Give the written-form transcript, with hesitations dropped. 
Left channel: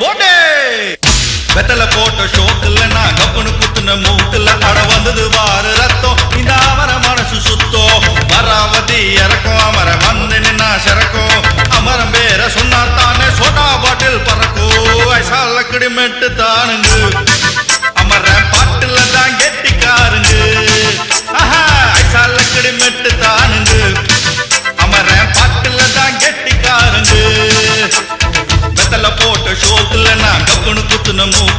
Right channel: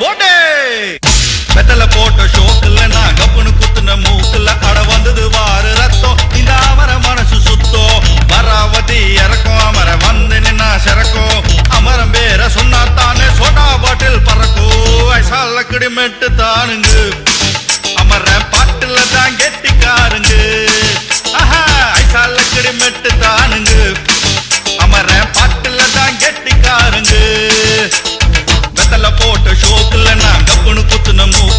போட்டே வெத்தல போட்ட ஷோக்குல நான் கப்புனு குத்துன மூக்குல அட வந்தது வாரு ரத்தம் இந்த அமர மனசு சுத்தம் மராவதி இறக்கும் அமர வந்து நின்னா சிறக்கும் அமரம் பேர சொன்னா தானே சோடா பாட்டில் பறக்கும் ஐசால கிடிமெட்டு தானுங்க அமர பாட்டுல தான் கெட்டிக்காருங்க ஆஹா ஐசால கிடிமெட்டு தானுங்க அமர பாட்டுல தான் கெட்டிக்காருங்க வெத்தல போட்ட ஷோக்குல நான் கப்புனு குத்துன மூக்கு